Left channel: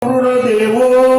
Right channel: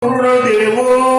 帮助了我。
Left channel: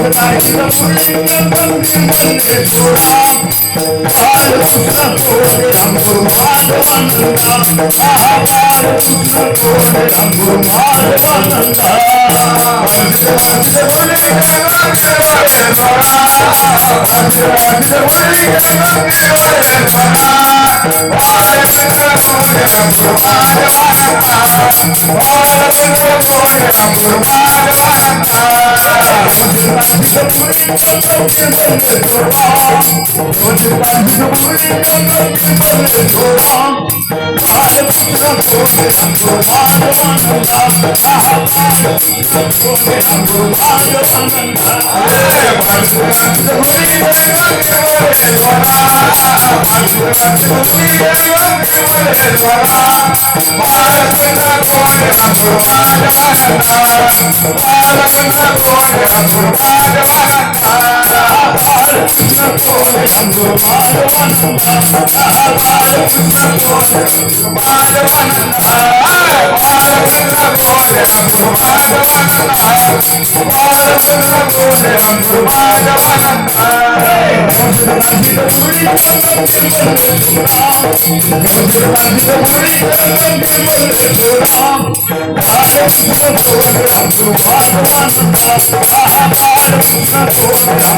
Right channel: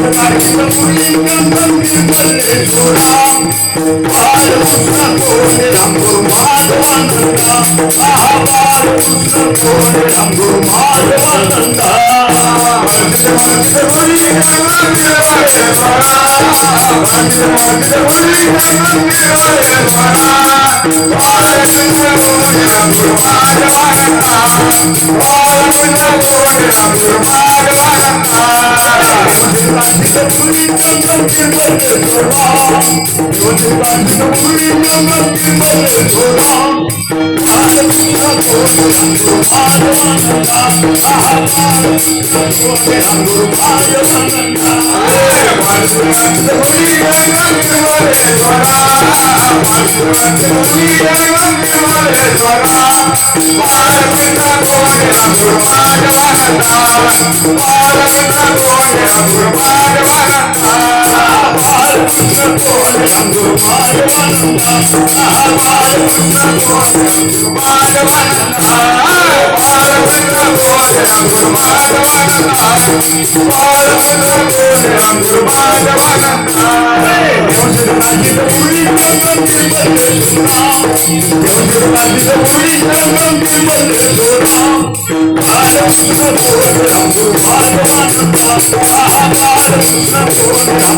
Oh, Thank you. I'm I'm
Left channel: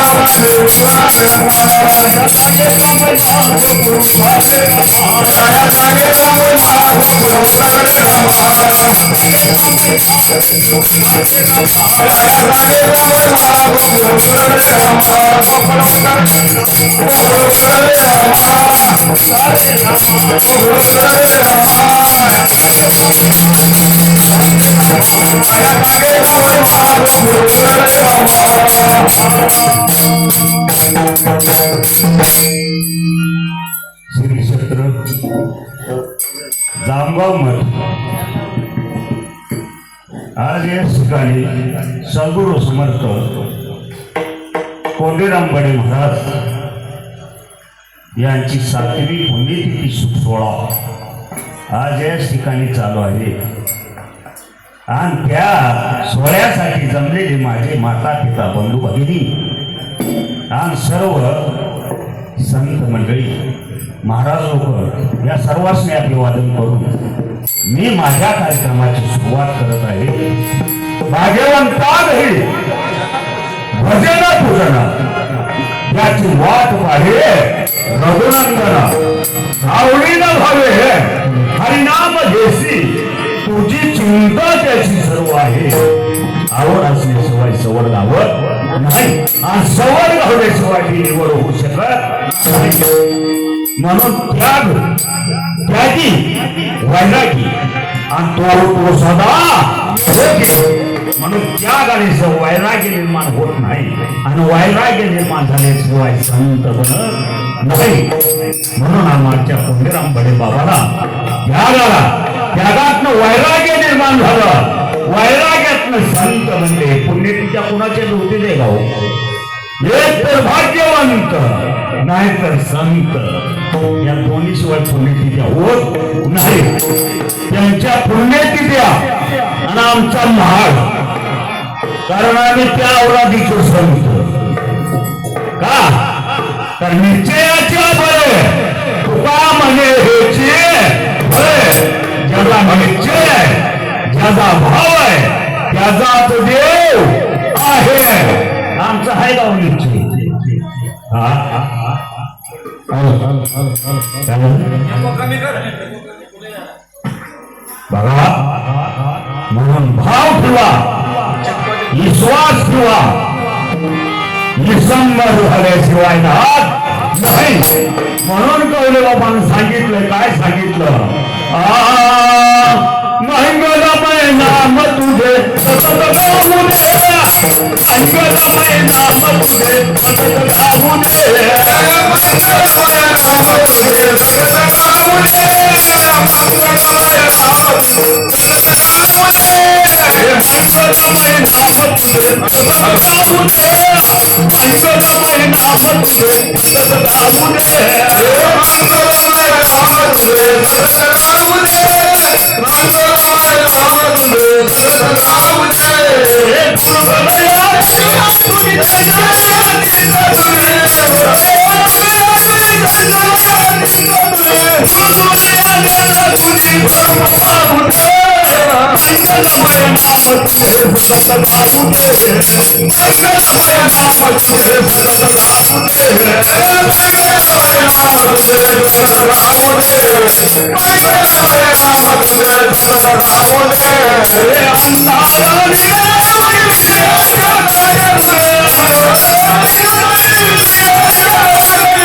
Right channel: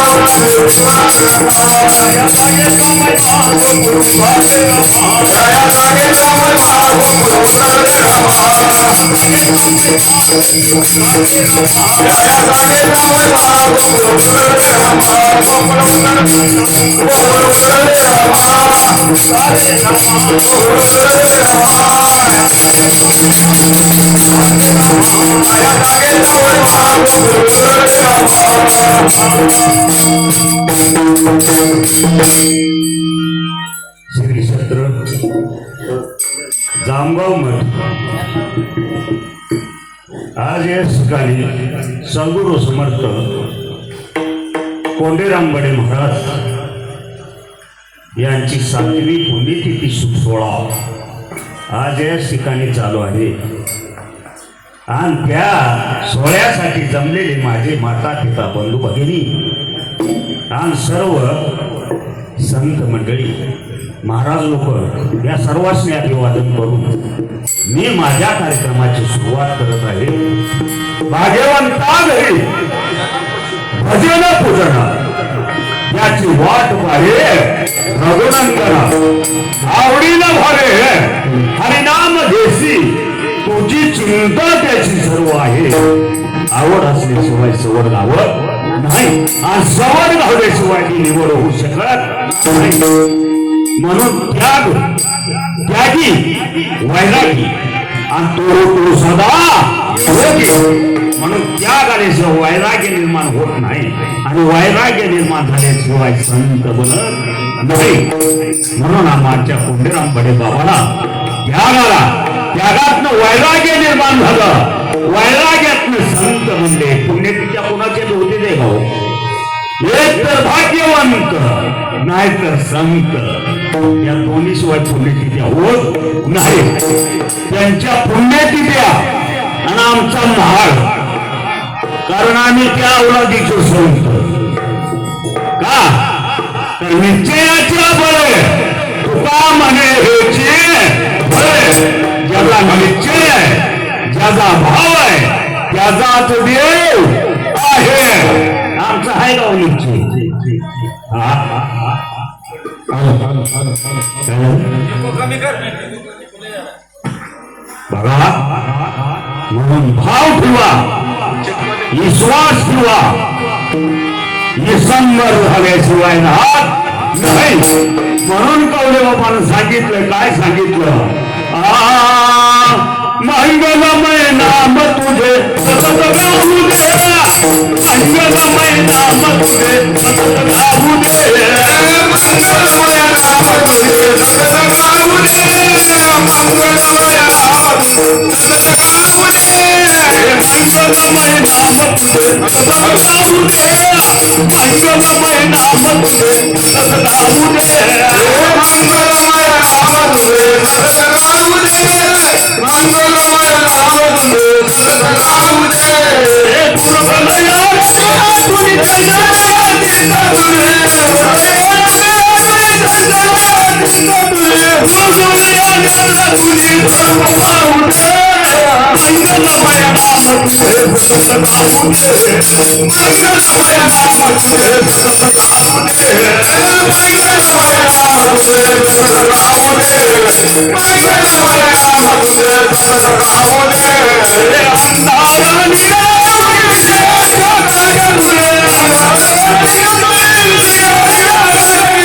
I'm क्षेत्र जामगाव मठ आज या ठिकाणी सद्गुरु समर्थ कोंडेरामगडे महाराज यांची सातवी पुण्यतिथी सोहळा आज या ठिकाणी चालू आहे. आणि त्या सोहळ्यासाठी जमलेले माझे माता पिता बंधू भगिनी आणि सर्व संत मंडळी महाराज लोक या सर्वांनी अभिवादन करून मी माझ्या कार्यक्रमाची सुरुवात करत आहे. भाग्यवान पाघडी भजन पूजना त्याची वाट पाहे. रघुनंदना आवडीनं व्हावे हरिनाम घेसी तुझी चिंता त्याची सर्व आहे. आवड असल्याशिवाय सवड लावत नाही. आणि सवड लावल्याशिवाय ती निवड होऊ शकत म्हणून त्याग त्यागी वैरागी. आणि तो तो सदा योगी म्हणून त्याग आल्याशिवाय वैराग्य निर्माण होत नाही आणि वैराग्य निर्माण झाल्याशिवाय संत बनत नाही म्हणून आमच्या कोंडीराम बडे बाबाला त्यागाला त्यागातनं वैराग्य निर्माण झालं. वैराग्यातनं संत म्हणजे पुण्यतिच्या कुणाचे होते ते गाव एक तर भाग्यवंत नाही तर संत. या दोन्ही शिवाय पुण्यतिथ्या होत नाही. त्यांच्या पुण्यतिथ्या आणि आमचा महाग कारण आम्ही त्या अवलादीचे संत का? तर निश्चयाच्या बरे. तुका म्हणे हेचे बळे ज्याचा निश्चय आहे ज्याचा भाव आहे त्याचा तो देव आहे. आमचा आहे का निश्चय? बघा. म्हणून भाव ठेवा. विश्वास ठेवा. निसंबर झाल्याशिवाय राहत नाही म्हणून कवले बाबानं सांगितलं काय सांगितलं? आ, मंगलमय नाम तुझे सतत गाऊ दे. मंगलमय नाम तुझे सतत गाऊ दे. मंगलमय नाम तुझे सतत Yeah.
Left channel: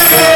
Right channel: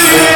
Yeah.